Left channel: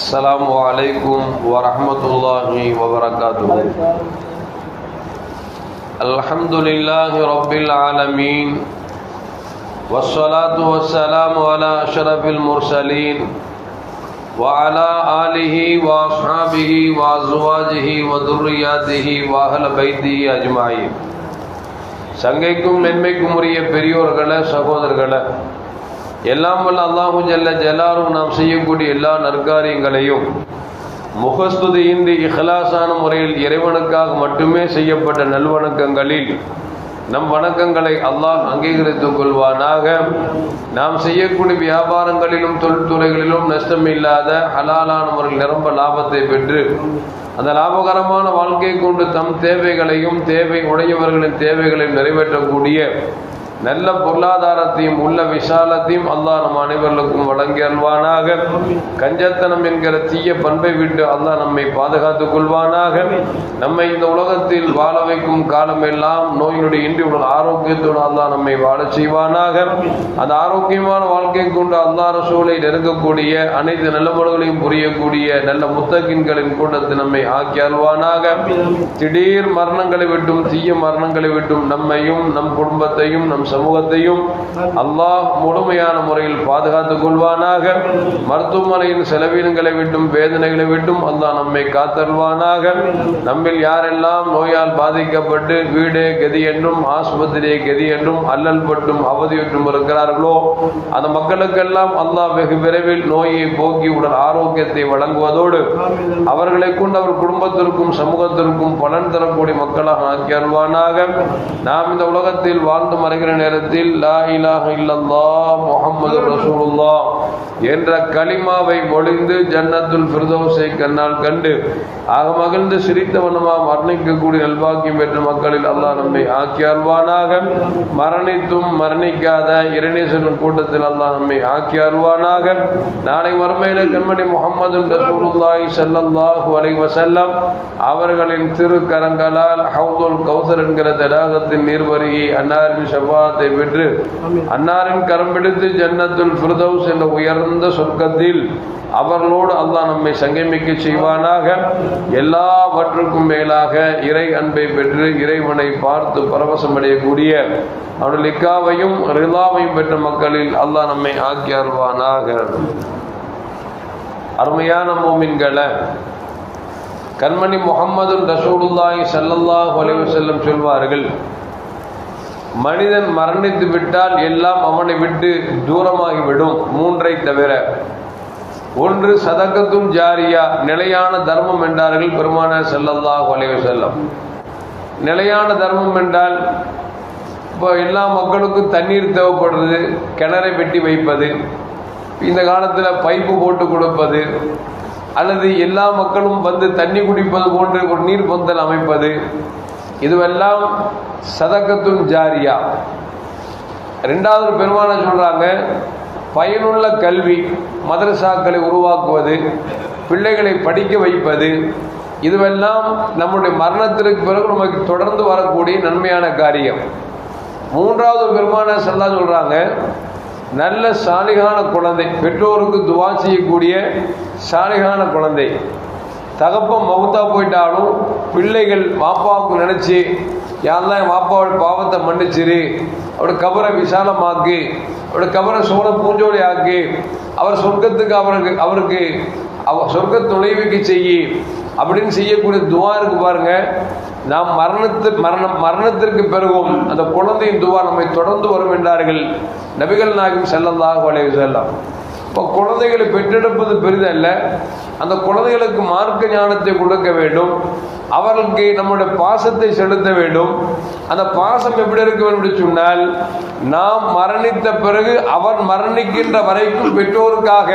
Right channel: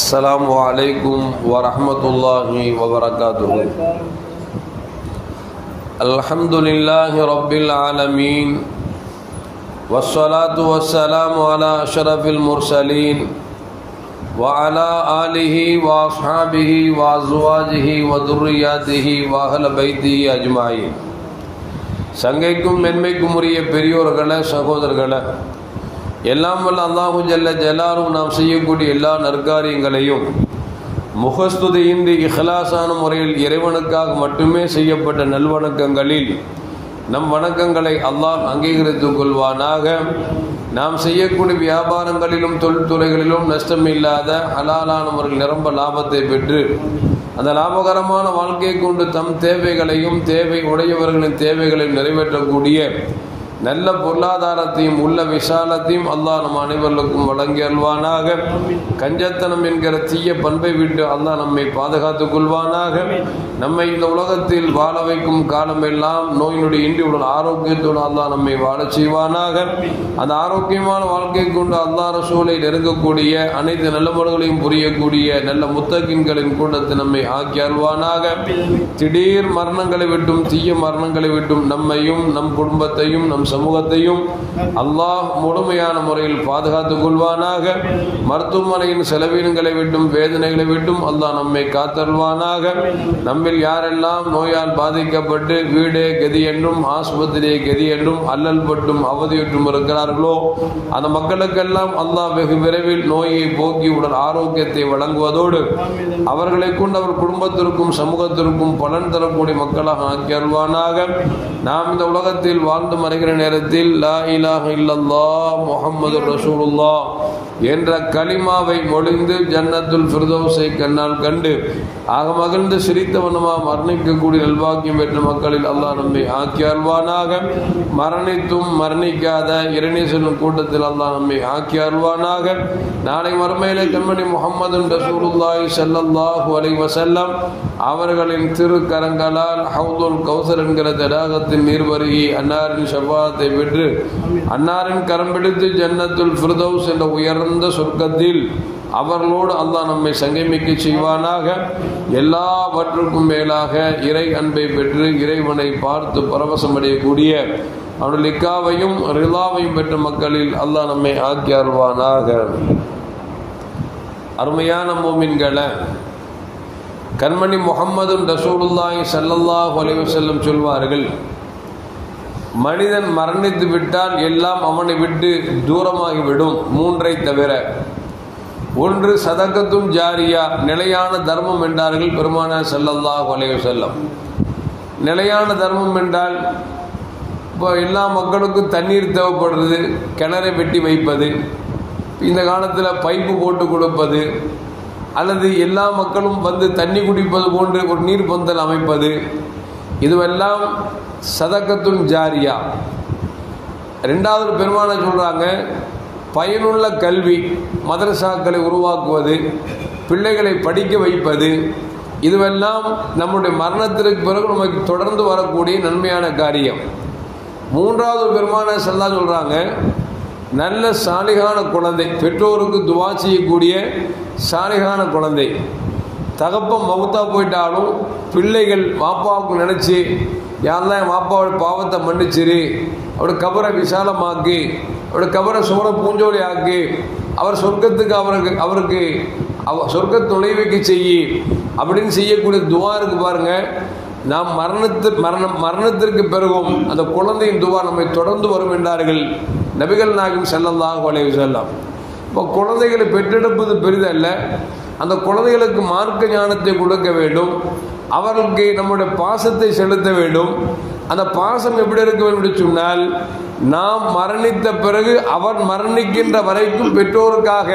السلام عليكم ورحمة الله وبركاته. الحمد لله رب العالمين والصلاة والسلام على أشرف المرسلين وعلى آله وأصحابه وأزواجه وذرياته وأهل بيته أجمعين. சங்கைக்கும் மென்மைக்கும் உரிய பெரியோர்களே, சகோதரர்களே, எல்லாம் வல்ல அல்லாஹு ஜல்ல ஜலாலும் நாம் செய்யக்கூடிய எல்லா நற்காரியங்களையும் முகஸ்துதியின்றி இஹ்லாஸான முறையில் இறைவனுக்காக மட்டுமே செய்யப்பட்ட நல்வணக்கங்களில் நம் வணக்கங்களை அல்லாஹ் அங்கீகரித்துக் கொள்வானாக. நாம் செய்யக்கூடிய வியாபாரங்களிலும் தொழில்துறைகளிலும் நஷ்டமில்லாத ஹலாலான முறையில் நிரம்ப லாபத்தை பெற்று அந்த லாபகரமான வாழ்க்கையை கொண்டு தம் தேவைகளையும் தேவை உடையவர்களின் தேவைகளையும் நிறைவேற்றக்கூடிய நல்ல பொருளாதாரத்தையும் உள்ள விசாலத்தையும் அல்லாஹ் நம் அனைவருக்கும் வழங்கி அல்வானாக. கஞ்சத்தனம் என்கிற தீய பண்பை விட்டு அல்லாஹ் நம்மை பாதுகாத்துக் கொள்வானாக. நம்மை இந்த உலகத்தில் வாழ வைக்கும் காலமெல்லாம் நோயினுடைய இன்றி உள்ள ஆரோக்கியத்தோடு அல்லாஹ் நம்மை வாழ செய்வானாக. அந்த ஆரோக்கியமான வாழ்க்கை கொண்டு அல்லாஹ் ரசூலை நெருங்கக்கூடிய அனைத்து நல்ல முறைகளையும் புரியக்கூடிய நல்ல முத்தகின்களின் கூட்டத்தை நம்மை ஆக்கி அல்வானாக. திடீர் மரணங்களை விட்டும் தீய மரணங்களை விட்டும் நம்மையும் நம் குடும்பத்தையும் நம் சமூகத்தையும் அல்லாஹ் முழுமையான முறையில் பாதுகாத்துக் கொள்வானாக. மருத்துவமனையின் செலவினங்களை விட்டும் வேதனைகளை விட்டும் அல்லாஹ் நம்மை காத்தல்வானாக. நம்மில் யாரெல்லாம் நோயால் பாதிக்கப்பட்டு வீடே கதி என்றும் ஆஸ்பத்திரியே கதி என்றும் அல்லல் பட்டும் அவதியுற்றும் இருக்கிறார்களோ அந்த மக்களுக்கெல்லாம் அல்லாஹ் வெகு விரைவில் நோயை போக்கி உடல் ஆரோக்கியத்தை வழங்குவதோடு அவர்களை கொண்டு அவர் குடும்பத்திற்கும் சமூகத்திற்கும் பலன் தரக்கூடிய மக்களாக ஆக்கி அருள்வானாக. நாம் இந்த உலகத்தில் வாழ்ந்து மறைகிற நேரத்தில் லா இலாஹ இல்லல்லாஹ் முஹம்மது ரசூலுல்லாஹ் என்ற கலிமாவை மொழிந்து ஜன்னத்துல் ஃபிர்தௌஸை கண்ணால் கண்டு ஆக மகிழ்ந்து சிரித்தவனமா மரணிக்கக்கூடிய நல்வாக்கியம் பெற்ற மக்களில் அல்லாஹ் நம்மை ஆக்கி அருள்வானாக. மரணித்தும் மரணிக்காத இறைநேசரின் கூட்டத்தில் அல்லாஹ் நம்மை ஆக்கி அருள்வானாக. நாளை மறுமையில கண்மணி முஹம்மது ரசூலுல்லாஹி ஸல்லல்லாஹு அலைஹி வஸல்லம் அவர்களின் திருக்கரங்களால் ஹவுதுல் கௌசர் என்கிற தடாகத்தின் நீர்வருகி அன்னாரின் ஷஃபாஅத்தை பெற்று அன்னாரின் கரம் பிடித்து ஜன்னத்துல் ஃபிர்தௌஸ் என்ற உயர்ந்த சொர்க்கத்தில் அவர்களோடு அல்லாஹ் நம்மை சங்கமிக்க செய்வானாக. எல்லாவற்றுக்கும் மேலாக இறை அன்பை பெற்று இறைவனை பார்த்து பரவசம் அடையக்கூடிய அவனுடைய லிக்காவையும் ரிலாவையும் பெற்ற மக்களில் அல்லாஹ் நம்மை ஆக்கி அருள்வானாக. அருமையான மோமின்களை, கண்மணி முஹம்மது ரசூலுல்லாஹி ஸல்லல்லாஹு அலைஹி வஸல்லம் சொல்வார்கள், மனிதன் மரணித்து விட்டால் எல்லாம் அவனை விட்டு தூரமாகிவிடும் மூன்றை தவிர. ஒன்று சதகத்தும் ஜாரியா, நிலையான தர்மம் என்றார்கள் பெருமானார் ஸல்லல்லாஹு அலைஹி வஸல்லம். நிலையான தர்மம் என்றால் இப்போ எல்லா மக்களுக்கும் தண்ணீர் தேவைப்படுறது, கிணறை வெட்டி வைப்பது, இந்த காலத்தில் பைப்பு போட்டு கொடுப்பது, அல்லது எல்லா மக்களும் வந்து தண்ணி குடிப்பது போன்று ஒரு நீர் பந்தல் அமைப்பது, இதுவெல்லாம் சதகத்துன் ஜாரியா. ரெண்டாவது பெருமானார் சொல்றாங்க, பயனுள்ள கல்வி, மதரசாக்களை உருவாக்குவது, பிள்ளைகளை படிக்க வைப்பது, இதுவெல்லாம் நம்முடைய மரணத்திற்கு பிறகு நமக்கு தொடர்ந்து வரக்கூடிய நன்மையான காரியம். மூன்றாவது பெருமானார் ஸல்லல்லாஹு சொல்றாங்க, நல்ல சாலிகான குழந்தை, பெற்றோருக்கு துவா செய்யக்கூடிய சாலிகான குழந்தை. தகப்பன் மௌத்தா போயிட்டாலும் பிள்ளைகள் வாப்பாவுக்கு நினைச்சு, யாரெல்லாம் என் வாப்பாவோட பாவத்தை மன்னிச்சிரு, அவருடைய கபரை விசாலமாக்கி, அவருடைய கபரை சோழ பூஞ்சோலி ஆக்கி, அவர் சொர்க்கத்துக்கு அவருக்கு சொர்க்கத்தை நுழைவிக்க செய்யி அப்படின்னு செய்யக்கூடிய துவா இருக்கு பாருங்க. நாம் மரணத்திற்கு பிறகும் அந்த குழந்தையின் துவா நம்மை தொடர்ந்து வரும் என்றார்கள் நபிகள் நாயகம் ஸல்லல்லாஹு அலைஹி வஸல்லம். இப்போ குழந்தைகளை பெற்றெடுப்பது பெரிதல்ல, அந்த குழந்தைகளுக்கு மார்க்க ஞானத்தை கொடுக்க வேண்டும், அவர்களுக்கு நம்முடைய பாசத்தை செலுத்த வேண்டும். அந்த பாசம் எப்படி இருக்க வேண்டும் என்று சொன்னால், நாம் மரணித்த பிறகு அவர் மரணிக்கின்ற வரைக்கும் பெற்றோருக்காக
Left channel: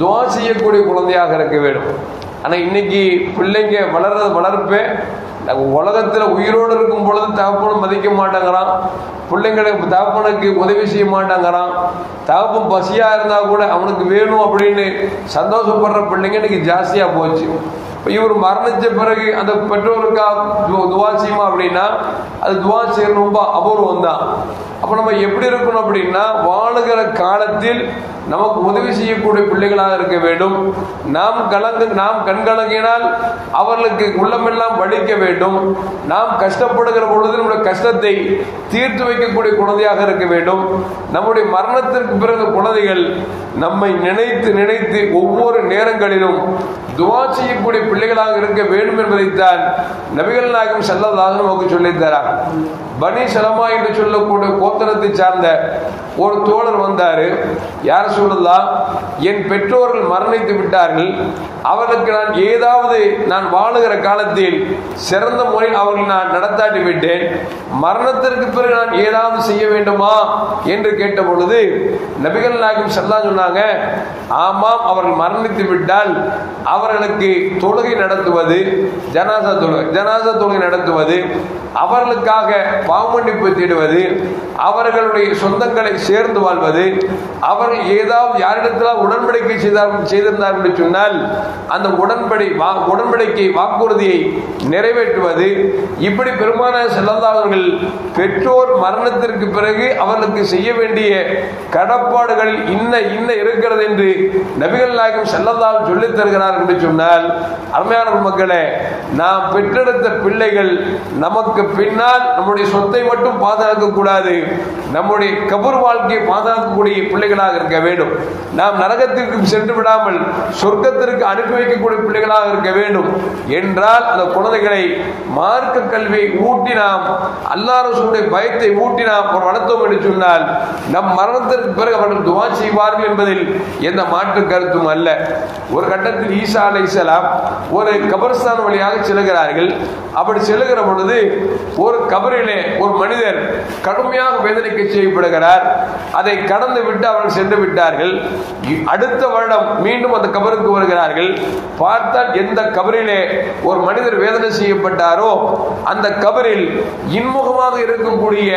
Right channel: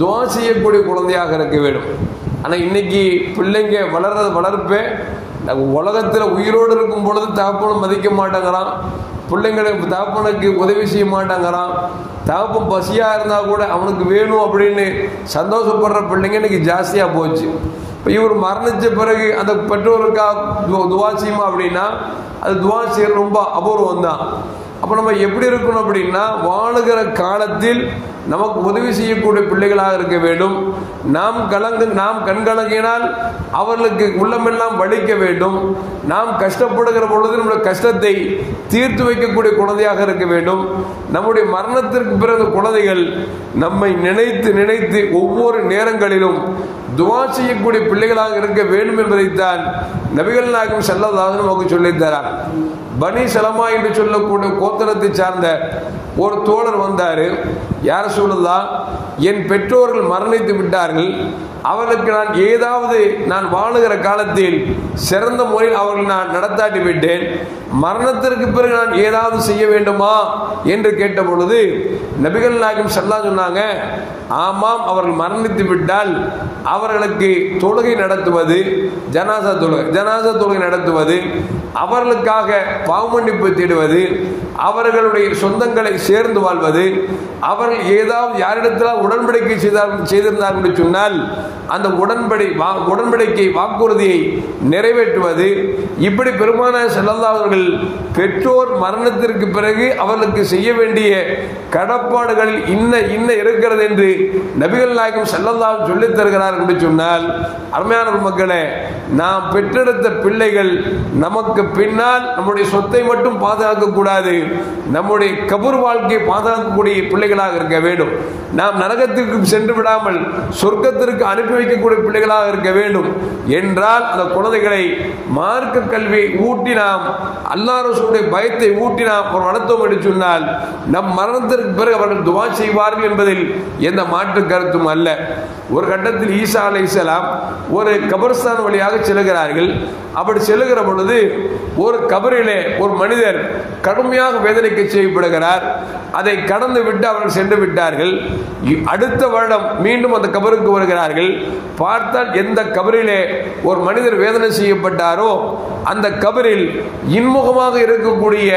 துவா செய்யக்கூடிய குழந்தையாக இருக்க வேண்டும். ஆனால் இன்னைக்கு பிள்ளைங்க வளர்ப்பே உலகத்தில் உயிரோடு இருக்கும் பொழுது தகப்பனும் மதிக்க மாட்டேங்கிறான், பிள்ளைங்களுக்கு தகப்பனுக்கு உதவி செய்ய மாட்டேங்கிறான், தகப்பன் பசியா இருந்தா கூட அவனுக்கு வேணும் அப்படின்னு சந்தோஷப்படுற பிள்ளைங்க இன்னைக்கு ஜாஸ்தியா போச்சு. இவர் மரணிச்ச பிறகு அந்த பெற்றோருக்காக துவா செய்யுமா அப்படின்னா அது துவா செய்யறது ரொம்ப அபூர்வம் தான். அப்போ நம்ம எப்படி இருக்கணும் அப்படின்னா, வாழுகிற காலத்தில் நமக்கு உதவி செய்யக்கூடிய பிள்ளைகளாக இருக்க வேண்டும். நாம் கண்கலங்கினால் அவர்களுக்கு உள்ளமெல்லாம் வலிக்க வேண்டும். நாம் கஷ்டப்படுகிற பொழுது நம்முடைய கஷ்டத்தை தீர்த்து வைக்கக்கூடிய குழந்தையாக இருக்க வேண்டும். நம்முடைய மரணத்திற்கு பிறகு குழந்தைகள் நம்மை நினைத்து நினைத்து ஒவ்வொரு நேரங்களிலும் துஆ செய்யக்கூடிய பிள்ளைகளாக இருக்க வேண்டும் என்பதைத்தான் நபிகள் நாயகம் ஸல்லல்லாஹு அலைஹி வஸல்லம் சொல்லித் தரார். பனி சலமா என்று சொல்லக்கூடிய கோத்திரத்தை சார்ந்த ஒரு தோழர் வந்தாரு. யார் சொல்லலாம், என் பெற்றோர்கள் மரணித்து விட்டார்கள், அவர்களுக்கு நான் ஏதாவது நான் வாழுகிற காலத்தில் சிறந்த முறையில் அவர்கள் நான் நடத்தாட்டி விட்டேன், மரணத்திற்கு பிறகு நான் ஏதாவது செய்ய வேண்டுமா என்று கேட்ட பொழுது நபிகள் நாயகம் ஸல்லல்லாஹு சொன்னாங்க, ஆமாம், அவர்கள் மரணித்து விட்டால் அவர்களுக்கு தொழுகை நடத்துவது, ஜனாசா தொழுகை நடத்துவது, அவர்களுக்காக பாவமன்னிப்பு தேடுவது, அவர்களுடைய சொந்தங்களை சேர்ந்து வாழ்வது, அவர்கள் ஏதாவது யாரிடத்தில் உடன்படிக்கை செய்திருந்தார்கள் என்று சொன்னால் அந்த உடன்படிக்கை வாக்குறுதியை நிறைவேற்றுவது, இப்படி பெருமானார் ஸல்லல்லாஹு அவர்கள் பெற்றோர் மரணத்திற்கு பிறகு அவர்களுக்கு செய்ய வேண்டிய கடப்பாடுகளில் இன்ன இருக்கிறது என்று நபிகள் நாயகம் ஸல்லல்லாஹு சொல்லித் தருகிறார் என்று சொன்னால், அருமையான மக்களே, நாம் பெற்றெடுத்த பிள்ளைகள் நமக்கு பின்னால் நம்முடைய சொத்தை மட்டும் பாதுகாக்க கூடாது, நம்முடைய கபர் வாழ்க்கையை பாதுகாக்கக்கூடிய பிள்ளைகளாக இருக்க வேண்டும். நாம் நரகத்திற்கு சென்று விடாமல் சொர்க்கத்திற்கு அனுப்பி வைக்கக்கூடிய பிள்ளைகளாக இருக்க வேண்டும் என்றால் அந்த குழந்தைகளை மார்க்க கல்வியை ஊட்டி நாம் அல்லாஹ் ரசூலுடைய பயத்தை ஊட்டி நாம் வளர்த்தோம் என்று சொன்னால் நம் மரணத்திற்கு பிறகு அவர்கள் துஆ செய்வார்கள் என்பதில் எந்த மாற்று கருத்தும் அல்ல. ஒரு கட்டத்தில் ஈசா அலைஹிஸ்ஸலாம் ஒரு கபர்ஸ்தான் வழியாக செல்கிறார்கள். அப்படி செல்லுகிற பொழுது ஒரு கபரிலே ஒரு மனிதர் கடுமையாக வேதனைக்கு செய்யப்படுகிறார். அதை கடந்து விட்டு அவர்கள் சென்று விட்டார்கள். அடுத்த வருடம் மீண்டும் அந்த கபருக்கு வருகிறார்கள். பார்த்தால் எந்த கபரிலே ஒரு மனிதர் வேதனை செய்யப்பட்டாரோ அந்த கபரில் இன்முகமாக இருக்கக்கூடிய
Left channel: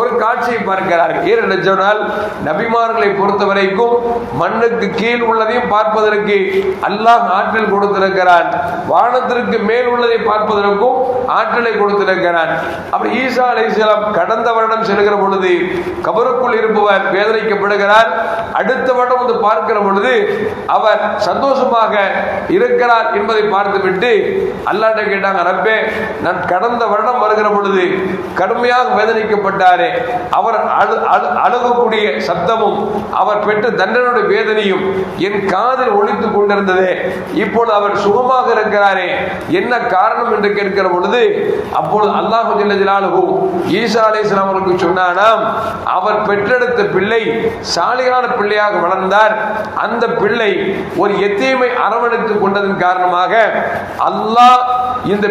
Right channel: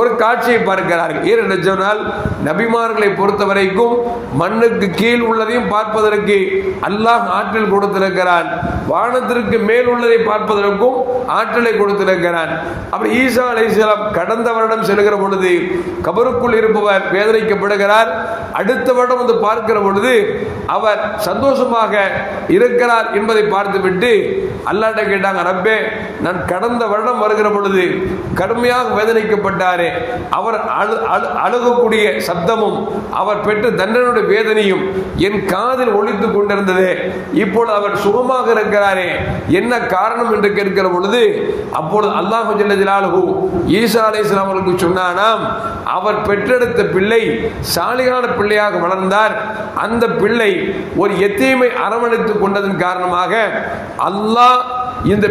ஒரு காட்சியை பார்க்கிறார்கள். ஏனென்று சொன்னால் நபிமார்களை பொறுத்தவரைக்கும் மண்ணுக்கு கீழ் உள்ளதையும் பார்ப்பதற்கு அல்லாஹ் ஆற்றல் கொடுத்திருக்கிறான், வானத்திற்கு மேல் உள்ளதை பார்ப்பதற்கும் ஆற்றலை கொடுத்திருக்கிறான். அப்படி ஈசா அலைஹிஸ்ஸலாம் கடந்த வருடம் செல்கிற பொழுது கபருக்குள் இருப்பவர் வேதனைக்கப்படுகிறார். அடுத்த வருடம் வந்து பார்க்கிற பொழுது அவர் சந்தோஷமாக இருக்கிறார் என்பதை பார்த்துவிட்டு அல்லாஹ்ட்ட கேட்டாங்க, ரப்பே, நான் கடந்த வருடம் வருகிற பொழுது கடுமையாக வேதனைக்கப்பட்டாரே, அவர் அழுகக்கூடிய சப்தமும் அவர் பெற்ற தண்டனுடைய வேதனையும் என் காதில் ஒலித்துக் கொண்டிருந்தது, இப்பொழுது அவர் சுகமாக இருக்கிறாரே, என்ன காரணம் என்று கேட்கிற பொழுது அப்பொழுது அல்லாஹ் ஜல்ல ஜலாலுஹு ஈசா அலைஹிஸ்ஸலாம் அவர்களுக்கு சொன்னானாம், அவர் பெற்றெடுத்த பிள்ளை சாலிகான பிள்ளையாக வளர்ந்தார். அந்த பிள்ளை ஒரு எத்தீமை அரவணைத்துக் கொண்டதன் காரணமாக அல்லாஹ் இந்த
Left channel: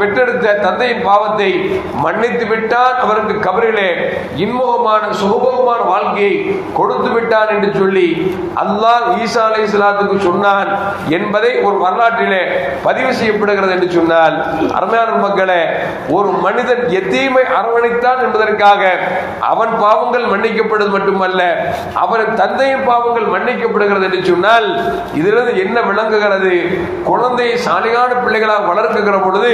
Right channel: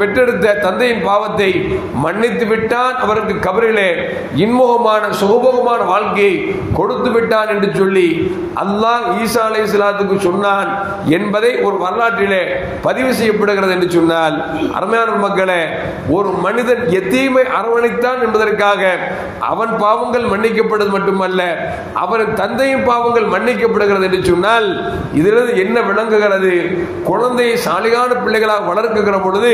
பெற்றெடுத்த தந்தையின் பாவத்தை மன்னித்து விட்டான், அவருக்கு கபரிலே இன்முகமான சுகபோகமான வாழ்க்கையை கொடுத்து விட்டான் என்று சொல்லி அல்லாஹ் ஈசா அலைஹிஸ்ஸலாத்துக்கு சொன்னான் என்பதை ஒரு வரலாற்றிலே பதிவு செய்யப்படுகிறது என்று சொன்னால், அருமையான மக்களே, ஒரு மனிதன் எத்தீமை அரவணைத்தான் என்பதற்காக அவன் பாவங்கள் மன்னிக்கப்படுவது மட்டுமல்ல, அவன் தந்தையின் பாவங்கள் மன்னிக்கப்படுகிறது என்று சொன்னால் இதிலிருந்து என்ன விளங்குகிறது? குழந்தையை சாலிகான பிள்ளைகளாக வளர்க்கிற பொழுது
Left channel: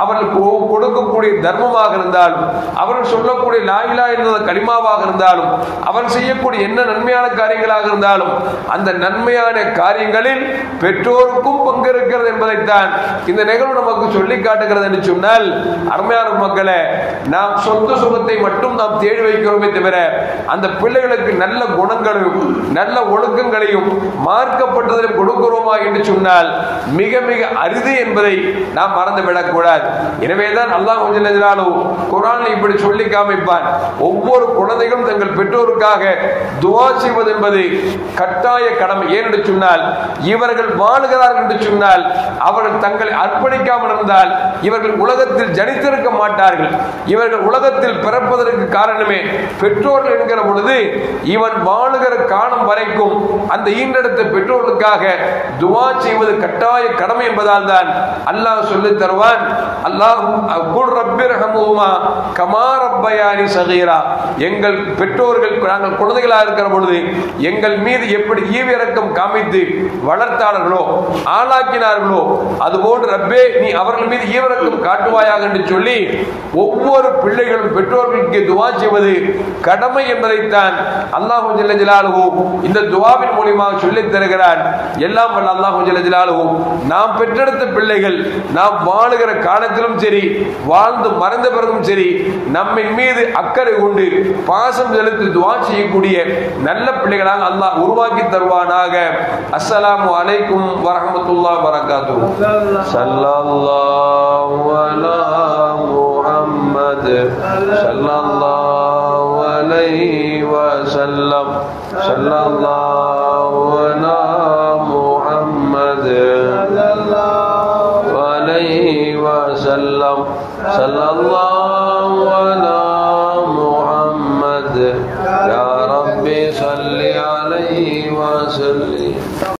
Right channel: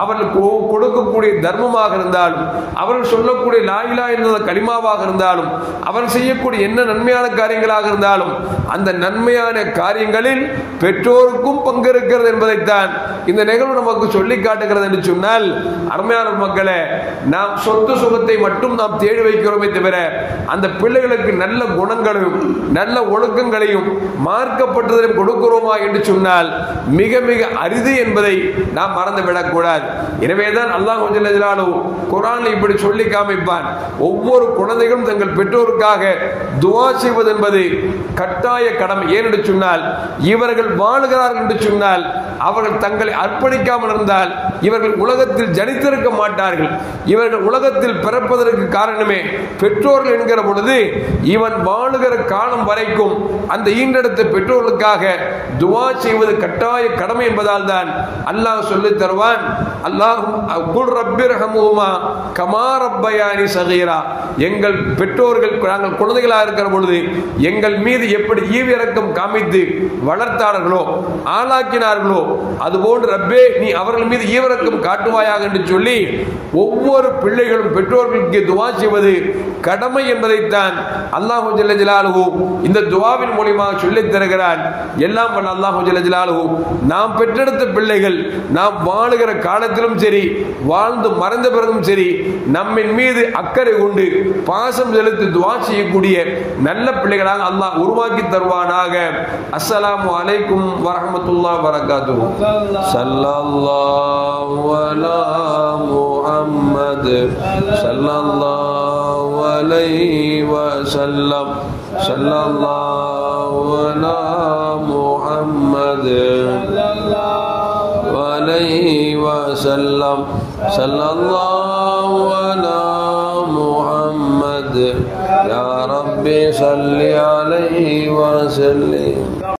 அவர்களுக்கு கொடுக்கக்கூடிய தர்மமாக இருந்தாலும், அவர்கள் சொல்லக்கூடிய லா இலாஹ இல்லல்லாஹ் கலிமாவாக இருந்தாலும், அவர்கள் செய்யக்கூடிய என்ன நன்மையான காரியங்களாக இருந்தாலும் அந்த நன்மையான காரியங்களில் பெற்றோருக்கும் பங்கு இருக்கிறது என்பதைத்தான் இந்த நிகழ்வு நமக்கு சொல்லி காட்டுகிறது என்று சொன்னால், அருமையான மக்களை, நாம் சொந்த சுகத்தை மட்டும் நாம் தேடி வைக்கிறோமே தவிர அந்த பிள்ளைகளுக்கு நல்ல குணங்களையும் நல்ல ஒழுக்கங்களையும் மார்க்கப்பட்டதையும் கொடுக்கிறோமா என்று சொன்னால் மிக மிக அரிது என்பதை நாம் மறந்துவிடக் கூடாது. எனவேதான் அல்லாஹ் ஜல்ல ஜலாலுஹு குர்ஆனில் இப்படி சொல்லி காமிப்பான், ஒவ்வொரு குழந்தைகளும் தங்கள் பெற்றோருக்காக துஆ செய்வது என்பது கட்டாய கடமை. ஏனென்று சொன்னால் இவர்கள் வாழுகிறார்கள் என்று சொன்னால் அவர்கள் தங்களை அர்ப்பணிக்காமல் இருந்தால் இவர்கள் உலகத்தில் ஜனித்திருக்க மாட்டார்கள். இவர்கள் உலகத்தில் பிறப்பதற்கு காரணமே பெற்றோர்கள் என்கிற பொழுது இவன் வாழுகிற காலம் வரைக்கும் அந்த ஈன்றெடுத்த பெற்றோர்களுக்காக துஆ செய்வது கட்டாய கடமை என்பதால் தான் அல்லாஹ் சொல்லித் தருவான். அல்லாஹ் குல் ரப்பிர்ஹம்ஹுமா கமா ரப்பயானி ஸகீரா, எங்கள் பெற்றோர்கள் நாங்கள் குழந்தைகளாக இருக்கிற பொழுது எங்கள் மீது எப்படி ஈவிரக்கம் காமித்து வளர்த்தார்களோ ஆளாக்கினார்களோ அதுபோன்று ரப்பே நீ அவர்கள் மீது ஈவிரக்கம் காட்டுவாயாக என்று சொல்லி ஒவ்வொரு பிள்ளைகளும் பெற்றோர்களுக்கு துஆ செய்வது கடமை என்பதைத்தான் அல்லாஹ் ஜல்ல ஜலாலுஹு இந்த துஆவின் மூலமாக சொல்லித் தருகிறான். எல்லாம் வல்ல அல்லாஹ் ஜல்ல ஜலாலுஹு நாம் பெற்றெடுத்த பிள்ளைகள் நாம் வாழுகிற காலத்திலும் சரி வாழ்ந்து மறைந்த பிறகும் சரி நம்மின் மீது அக்கறை கொண்டு பாசம் செலுத்தி துஆ செய்யக்கூடிய நல்ல பிள்ளைகளாக அல்லாஹ் உருவாக்கி தருவானாக. அஸ்ஸலாமு அலைக்கும் வரஹ்மத்துல்லாஹி வபரகாத்துஹு. ஸல்லல்லாஹு அலா முஹம்மத் ஸல்லல்லாஹு அலைஹி வஸல்லம். ஸல்லல்லாஹு அலா முஹம்மத் ஸல்லல்லாஹு அலைஹி வஸல்லம். ஸல்லல்லாஹு அலா முஹம்மத் யா ரப்பி ஸல்லி அலைஹி வஸல்லிம்.